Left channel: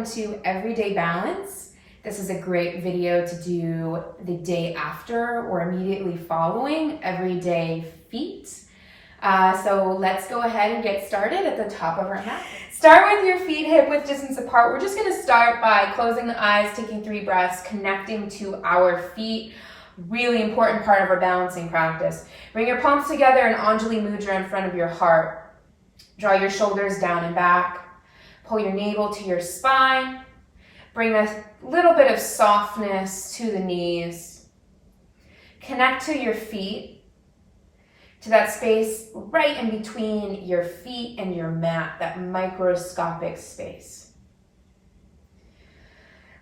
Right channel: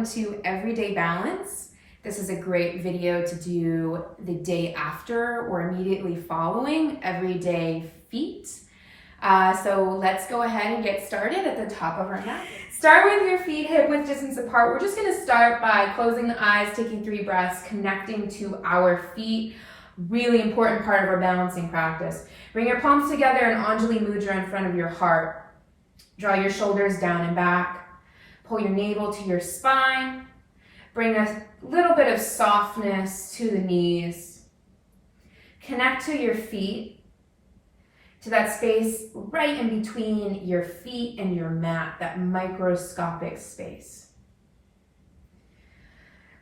welcome to Everyday Balance. This is a great video to do the day after or immediately following everyday feet. So let's go ahead and get started at the top of our mat. Start with your feet hip-width distance apart. We're just going to start by closing the eyes, taking 3 breaths, connecting to our feet. Really important part of our balancing practice. Bring your palms together in Anjali Mudra in front of your heart. Draw your shoulders down and back. Pull your navel to your spine. Bring a little bit of softness to the knees. Connect to your feet, to that space right in between your feet and your mat, that microscopic space.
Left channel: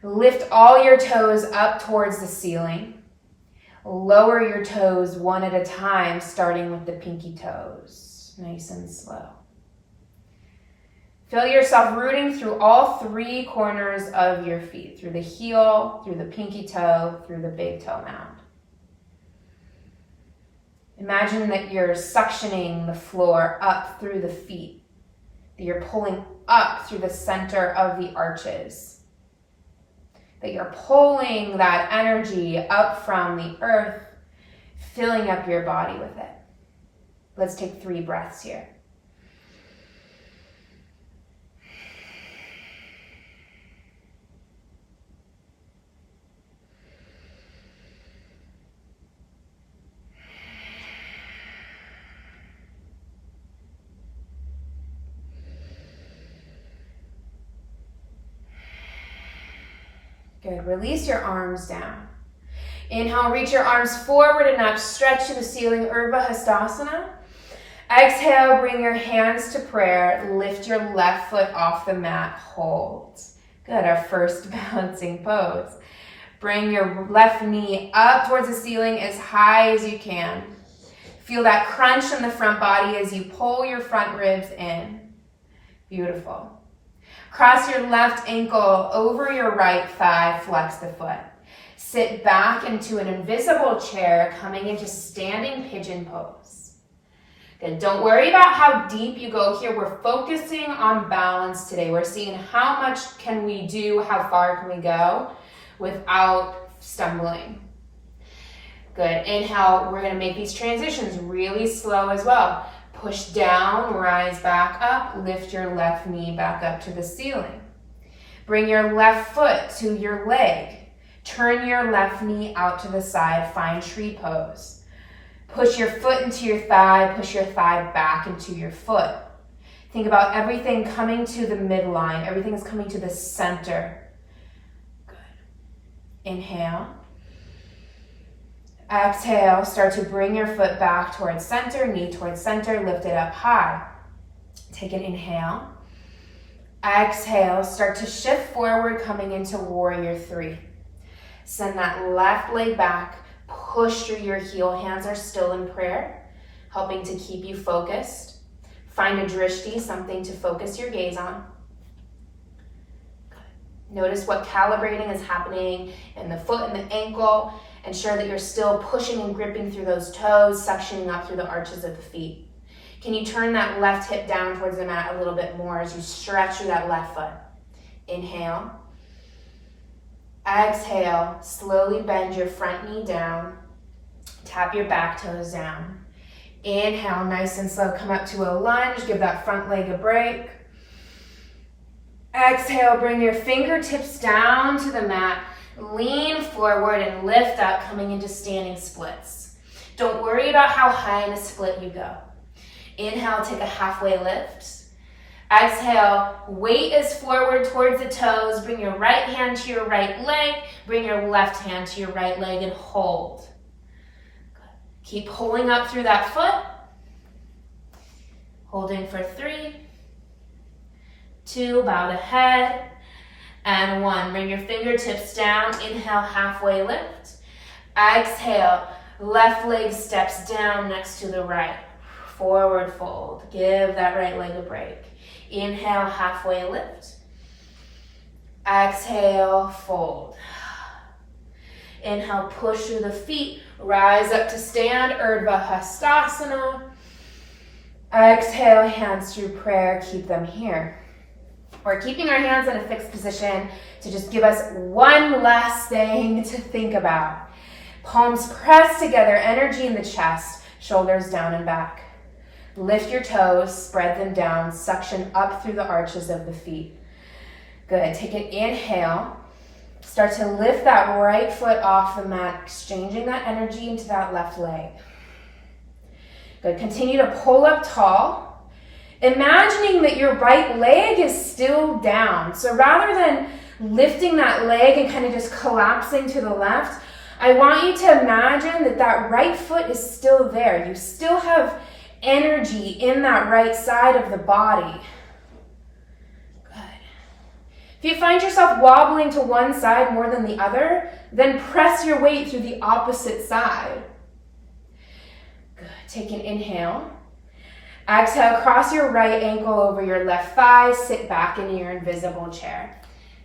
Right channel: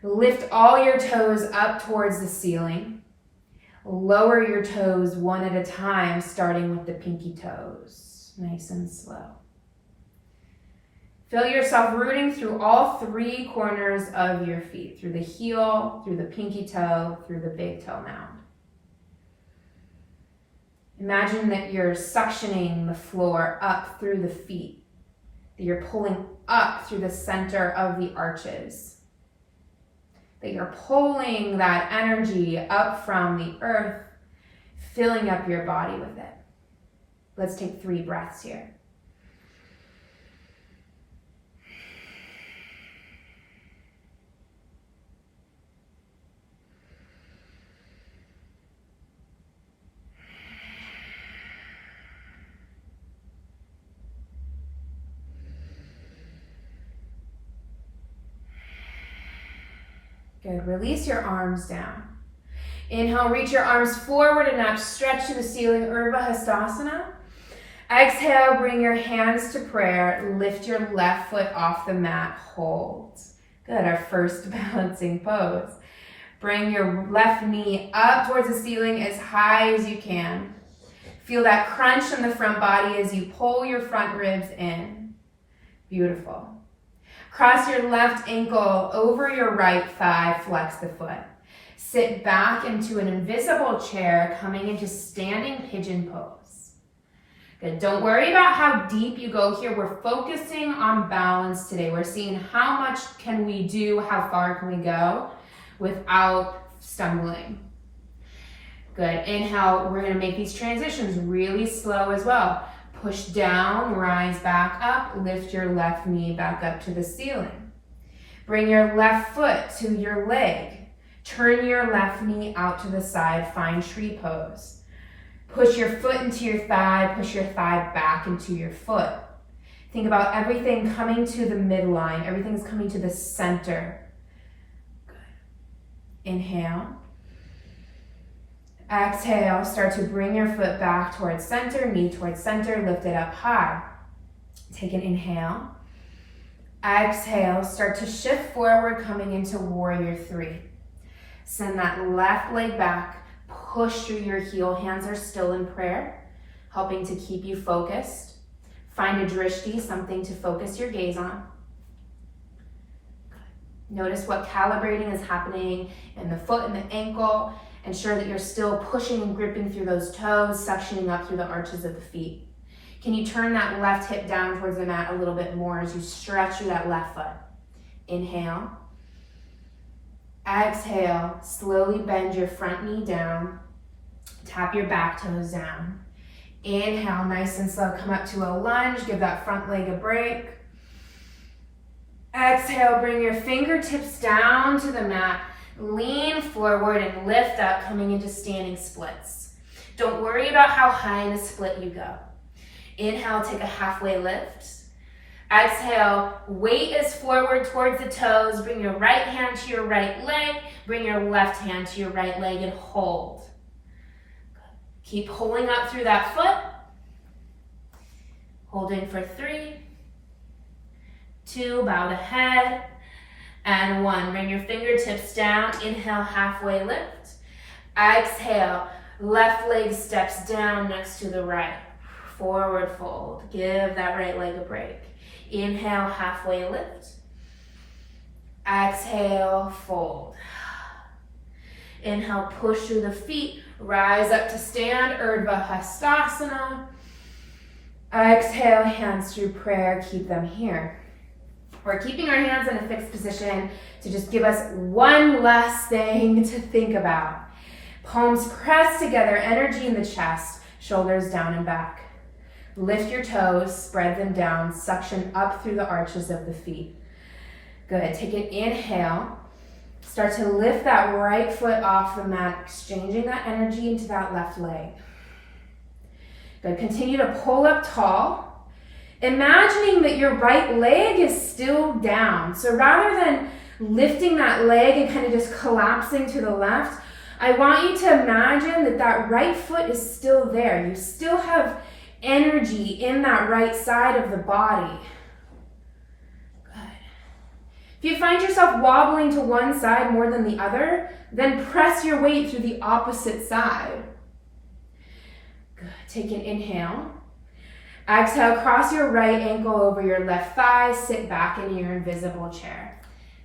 Lift all your toes up towards the ceiling. Lower your toes one at a time, starting with the pinky toes, nice and slow. Feel yourself rooting through all 3 corners of your feet, through the heel, through the pinky toe, through the big toe mound. Imagine that you're suctioning the floor up through the feet, that you're pulling up through the center of the arches, that you're pulling that energy up from the earth, filling up your body with it. Let's take 3 breaths here. Good. Release your arms down. Inhale, reach your arms forward a notch, stretch to the ceiling, Urdhva Hastasana. Exhale, bring your hands to prayer. Lift your left foot off the mat, hold. Good, our first balancing pose. Bring your left knee up towards the ceiling as high as you can. Feel that crunch in the front body as you pull your front ribs in. Beautiful. Cross your left ankle over your right thigh, flex the foot. Sit back into an invisible chair, coming into standing pigeon pose. Good. Don't worry about how deep you go here. We're focusing on balance today. We're seeing how much can we do, how far can we go without stumbling. Good. Inhale, we're going to make these transitions really slow as well. Push down, rise back up, lift your left knee back up to the ceiling. Bring your left foot to your leg. Turn your left knee out to the side, find tree pose. Push your foot into your thigh, push your thigh back into your foot. Think about everything coming to the midline, everything's coming to the center. Good. Inhale. Exhale, start to bring your foot back towards center, knee towards center, lift it up high. Take an inhale. Exhale, start to shift forward, coming into warrior 3. Send that left leg back, push through your heel, hands are still in prayer, helping to keep you focused. Find a drishti, something to focus your gaze on. Notice what calibrating is happening in the foot and the ankle. Ensure that you're still pushing and gripping through those toes, suctioning up through the arches of the feet. Can you turn that left hip down towards the mat a little bit more as you stretch through that left foot? Inhale. Exhale, slowly bend your front knee down. Tap your back toes down. Inhale, nice and slow, come up to a lunge, give that front leg a break. Exhale, bring your fingertips down to the mat. Lean forward and lift up, coming into standing splits. Don't worry about how high in a split you go. Inhale, take a halfway lift. Exhale, weight is forward towards the toes. Bring your right hand to your right leg. Bring your left hand to your right leg and hold. Keep pulling up through that foot. Holding for 3, 2, bow the head. And 1, bring your fingertips down, inhale, halfway lift. Exhale, left leg steps down next to the right. Forward fold, give that right leg a break. Inhale, halfway lift. Exhale, fold. Inhale, push through the feet, rise up to stand, Urdhva Hastasana. Exhale, hands through prayer, keep them here. We're keeping our hands in a fixed position to just give us one last thing to think about. Palms pressed together, energy in the chest, shoulders down and back. Lift your toes, spread them down, suction up through the arches of the feet. Good, take an inhale. Start to lift that right foot off the mat, exchanging that energy into that left leg. Good, continue to pull up tall, imagining that your right leg is still down. So rather than lifting that leg and kind of just collapsing to the left, I want you to imagine that that right foot is still there. You still have energy in that right side of the body. Good. If you find yourself wobbling to one side more than the other, then press your weight through the opposite side. Good. Take an inhale. Exhale, cross your right ankle over your left thigh, sit back in your invisible chair.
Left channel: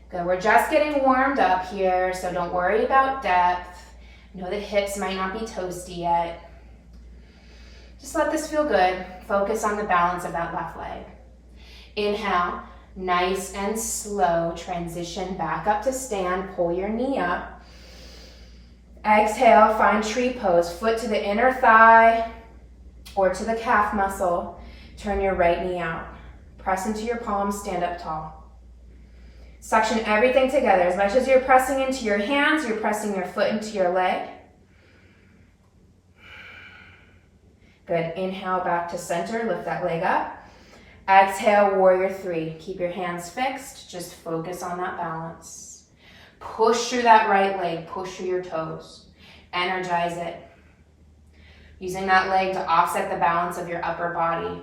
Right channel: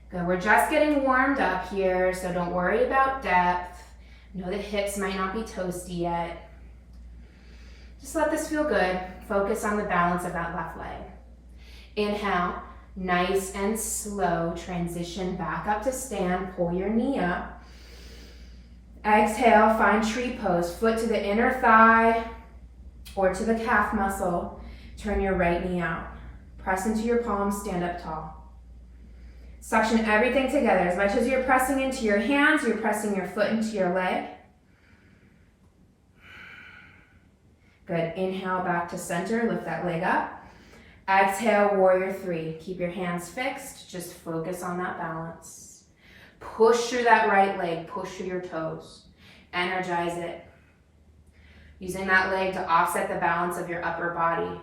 Good. We're just getting warmed up here, so don't worry about depth. Know the hips might not be toasty yet. Just let this feel good. Focus on the balance of that left leg. Inhale, nice and slow, transition back up to stand, pull your knee up. Exhale, find tree pose, foot to the inner thigh or to the calf muscle. Turn your right knee out. Press into your palms, stand up tall. Suction everything together. As much as you're pressing into your hands, you're pressing your foot into your leg. Good. Inhale back to center. Lift that leg up. Exhale, warrior three. Keep your hands fixed. Just focus on that balance. Push through that right leg. Push through your toes. Energize it. Using that leg to offset the balance of your upper body.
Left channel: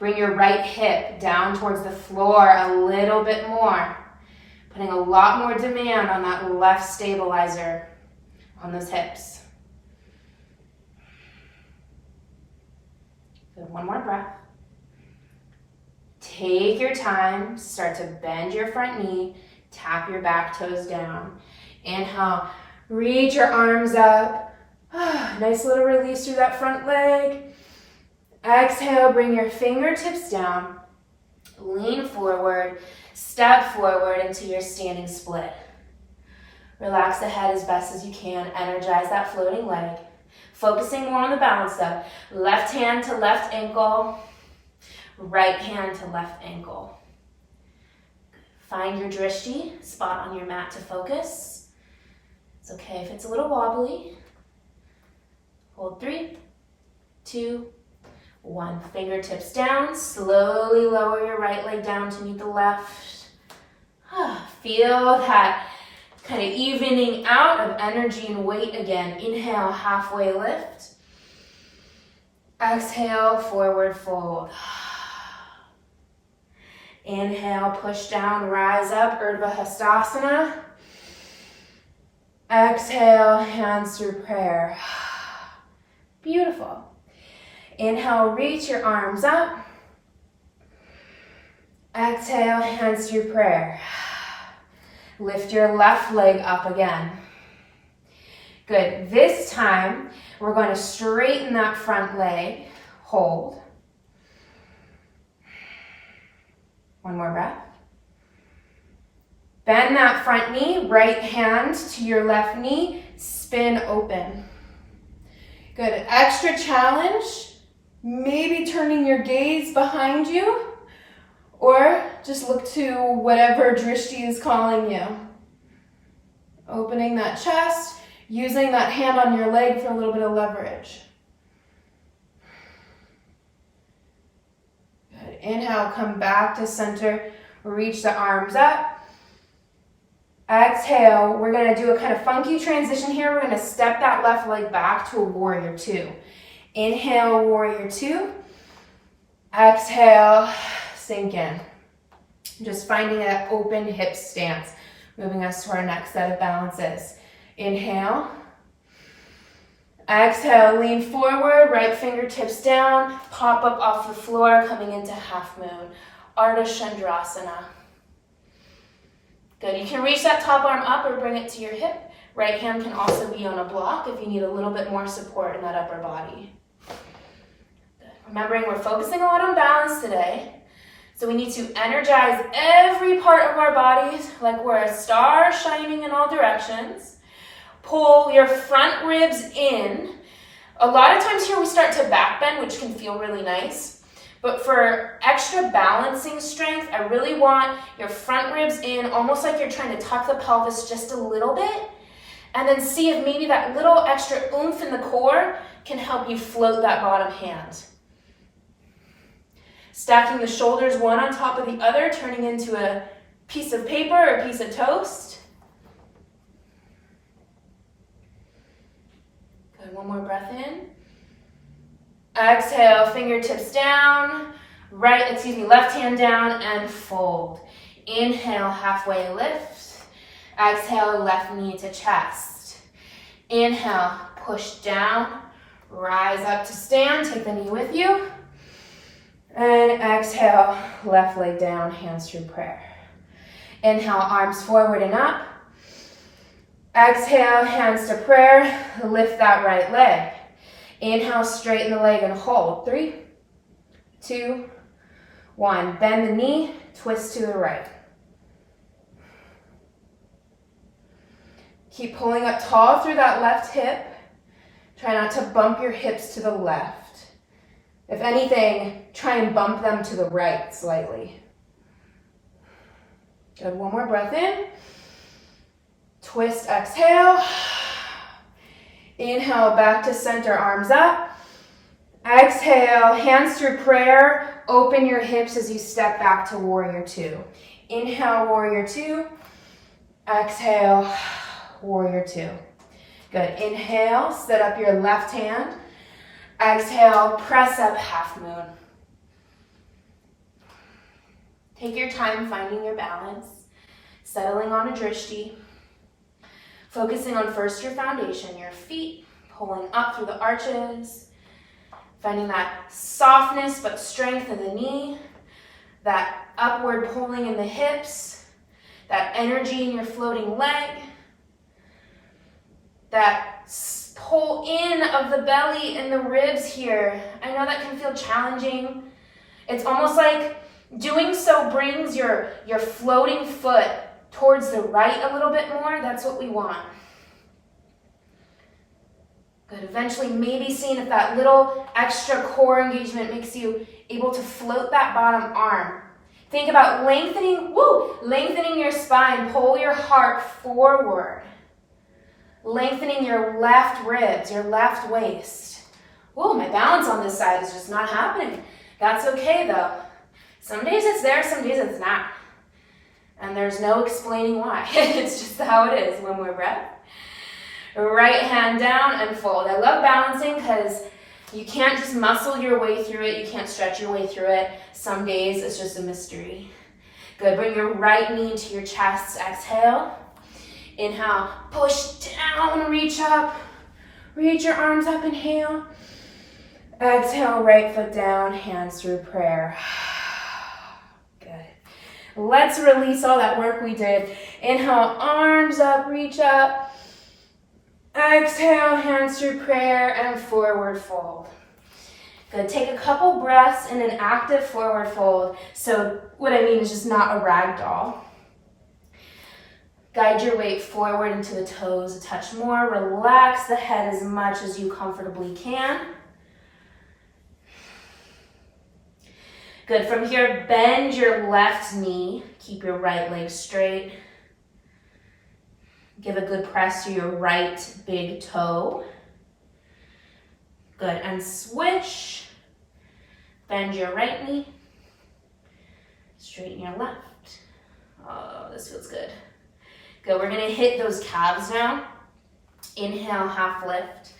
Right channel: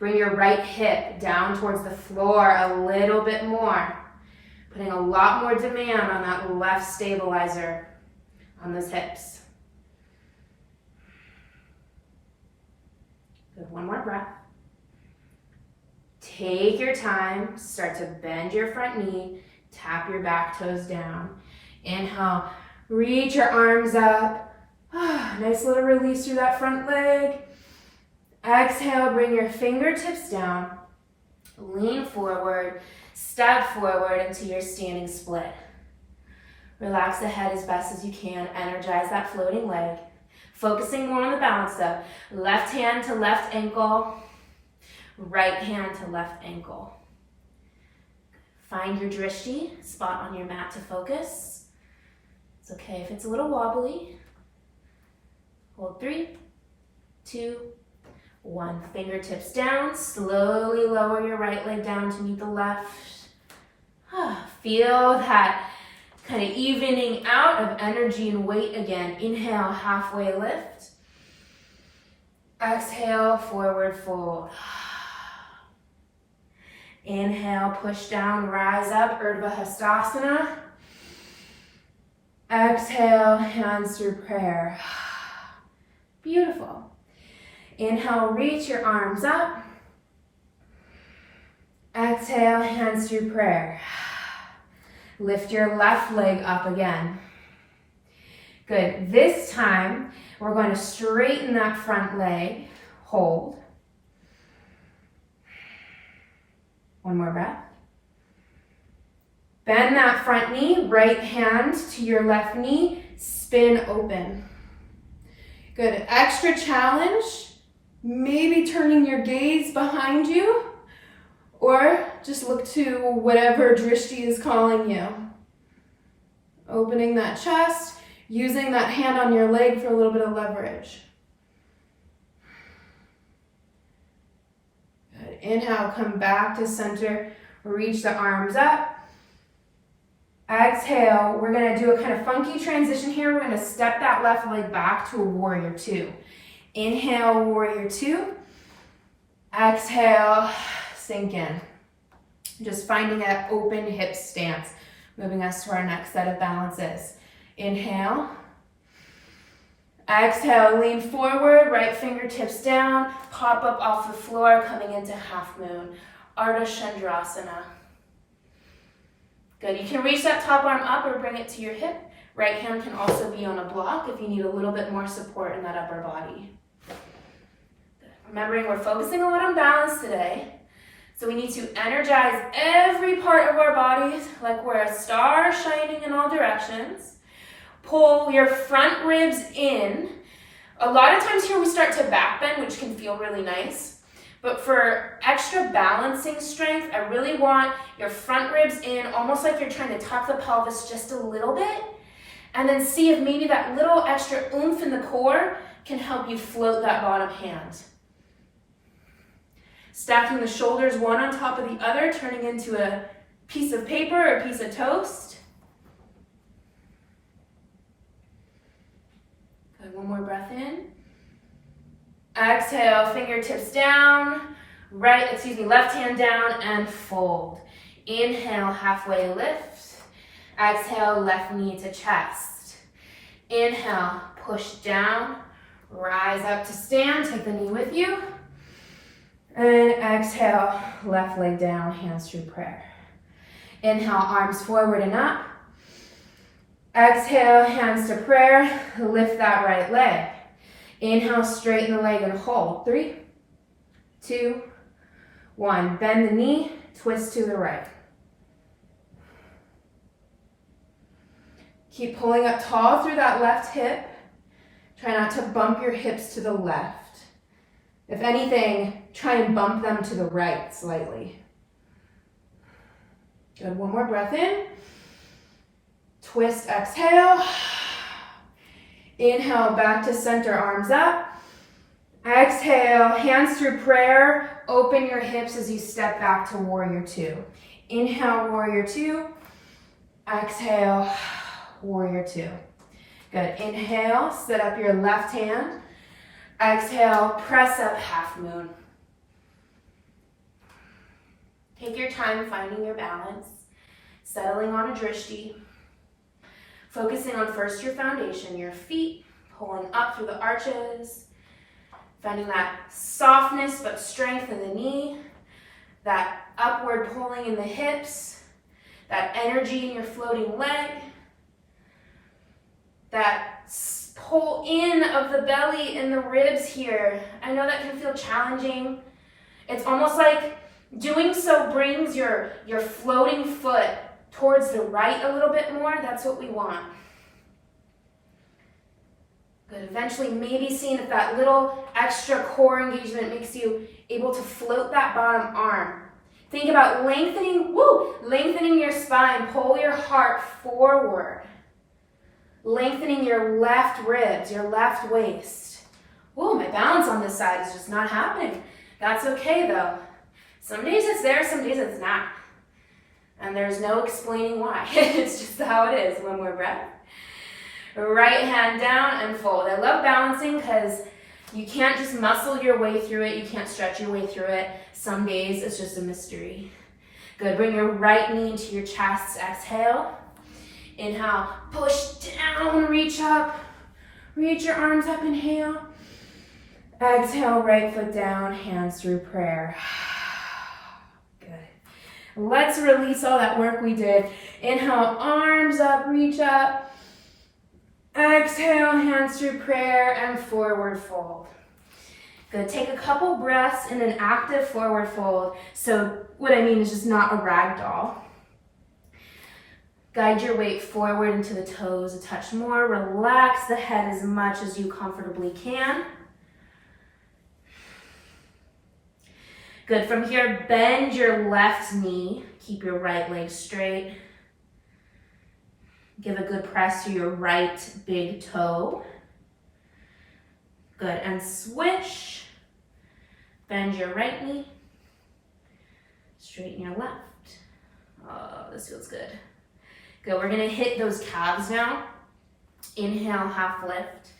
Bring your right hip down towards the floor a little bit more. Putting a lot more demand on that left stabilizer on those hips. Good, one more breath. Take your time, start to bend your front knee, tap your back toes down. Inhale, reach your arms up. Nice little release through that front leg. Exhale, bring your fingertips down, lean forward, step forward into your standing split. Relax the head as best as you can, energize that floating leg. Focusing more on the balance though. Left hand to left ankle, right hand to left ankle. Find your drishti, spot on your mat to focus. It's okay if it's a little wobbly. Hold 3, 2, 1. Fingertips down, slowly lower your right leg down to meet the left. Feel that kind of evening out of energy and weight again. Inhale, halfway lift. Exhale, forward fold. Inhale, push down, rise up, Urdhva Hastasana. Exhale, hands through prayer. Beautiful. Inhale, reach your arms up. Exhale, hands through prayer. Lift your left leg up again. Good. This time, we're going to straighten that front leg. Hold. One more breath. Bend that front knee, right hand to your left knee, spin open. Good. Extra challenge. Maybe turning your gaze behind you, or just look to whatever drishti is calling you. Opening that chest, using that hand on your leg for a little bit of leverage. Good. Inhale, come back to center, reach the arms up. Exhale, we're gonna do a kind of funky transition here. We're gonna step that left leg back to a warrior two. Inhale, warrior two. Exhale, sink in. Just finding that open hip stance, moving us to our next set of balances. Inhale. Exhale, lean forward, right fingertips down, pop up off the floor, coming into half moon. Ardha Chandrasana. Good, you can reach that top arm up or bring it to your hip. Right hand can also be on a block if you need a little bit more support in that upper body. Remembering we're focusing a lot on balance today. So we need to energize every part of our bodies like we're a star shining in all directions. Pull your front ribs in. A lot of times here we start to back bend, which can feel really nice. But for extra balancing strength, I really want your front ribs in, almost like you're trying to tuck the pelvis just a little bit. And then see if maybe that little extra oomph in the core can help you float that bottom hand. Stacking the shoulders one on top of the other, turning into a piece of paper or a piece of toast. Good, one more breath in. Exhale, fingertips down, left hand down and fold. Inhale, halfway lift. Exhale, left knee to chest. Inhale, push down, rise up to stand, take the knee with you. And exhale, left leg down, hands through prayer. Inhale, arms forward and up. Exhale, hands to prayer, lift that right leg. Inhale, straighten the leg and hold. 3, 2, 1. Bend the knee, twist to the right. Keep pulling up tall through that left hip. Try not to bump your hips to the left. If anything, try and bump them to the right slightly. Good, one more breath in. Twist, exhale. Inhale, back to center, arms up. Exhale, hands through prayer. Open your hips as you step back to warrior two. Inhale, warrior two. Exhale, warrior two. Good, inhale, set up your left hand. Exhale, press up, half moon. Take your time finding your balance, settling on a drishti. Focusing on first your foundation, your feet, pulling up through the arches, finding that softness but strength in the knee, that upward pulling in the hips, that energy in your floating leg, that pull in of the belly and the ribs here. I know that can feel challenging. It's almost like doing so brings your floating foot towards the right a little bit more. That's what we want. Good. Eventually, maybe seeing if that little extra core engagement makes you able to float that bottom arm. Think about lengthening your spine. Pull your heart forward. Lengthening your left ribs, your left waist. Whoa, my balance on this side is just not happening. That's okay though. Some days it's there, some days it's not. And there's no explaining why. It's just how it is. One more breath. Right hand down and fold. I love balancing because you can't just muscle your way through it. You can't stretch your way through it. Some days it's just a mystery. Good. Bring your right knee to your chest. Exhale. Inhale. Push down. Reach up. Reach your arms up. Inhale. Exhale. Right foot down. Hands through prayer. Let's release all that work we did. Inhale, arms up, reach up. Exhale, hands through prayer and forward fold. Good, take a couple breaths in an active forward fold. So what I mean is just not a rag doll. Guide your weight forward into the toes a touch more. Relax the head as much as you comfortably can. Good, from here, bend your left knee. Keep your right leg straight. Give a good press to your right big toe. Good, and switch. Bend your right knee. Straighten your left. Oh, this feels good. Good, we're gonna hit those calves now. Inhale, half lift.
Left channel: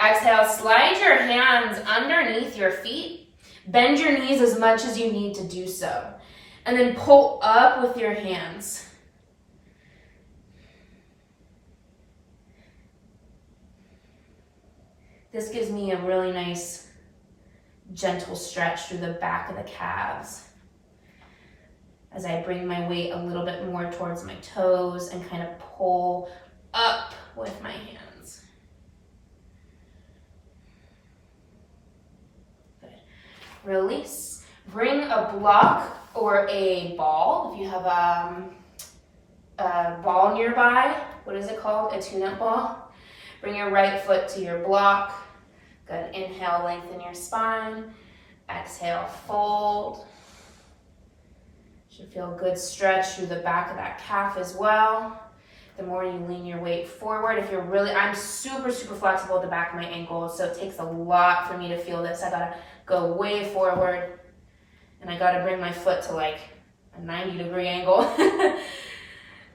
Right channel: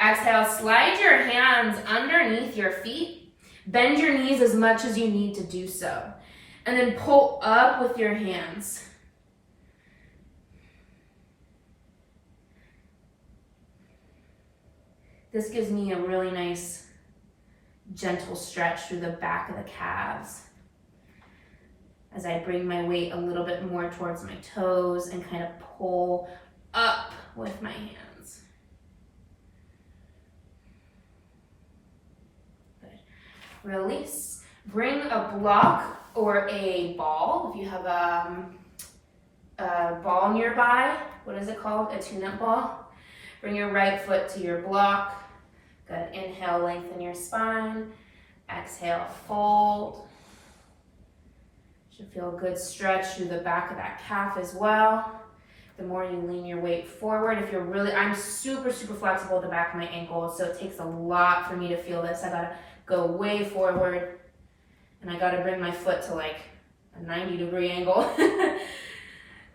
Exhale, slide your hands underneath your feet. Bend your knees as much as you need to do so. And then pull up with your hands. This gives me a really nice, gentle stretch through the back of the calves as I bring my weight a little bit more towards my toes and kind of pull up with my hands. Good. Release. Bring a block or a ball. If you have a ball nearby, what is it called? A tune-up ball. Bring your right foot to your block. Good. Inhale, lengthen your spine. Exhale, fold. Should feel a good stretch through the back of that calf as well. The more you lean your weight forward, if you're really, I'm super, super flexible at the back of my ankles, so it takes a lot for me to feel this. I gotta go way forward, and I gotta bring my foot to like a 90-degree angle.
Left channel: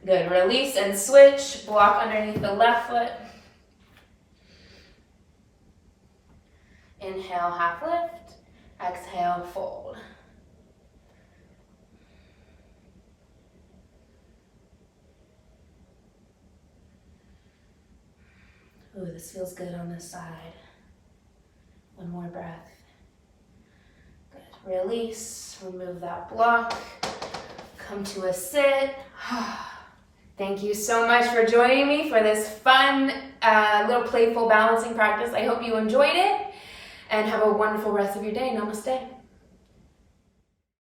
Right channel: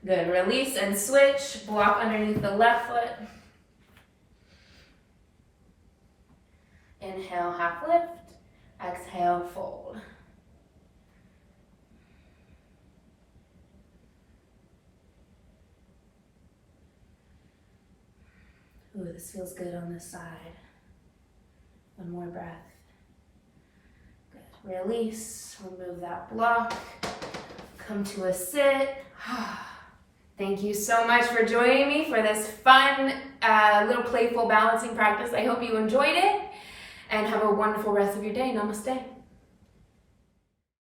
Good. Release and switch. Block underneath the left foot. Inhale, half lift. Exhale, fold. Ooh, this feels good on this side. One more breath. Good. Release. Remove that block. Come to a sit. Thank you so much for joining me for this fun, little playful balancing practice. I hope you enjoyed it, and have a wonderful rest of your day. Namaste.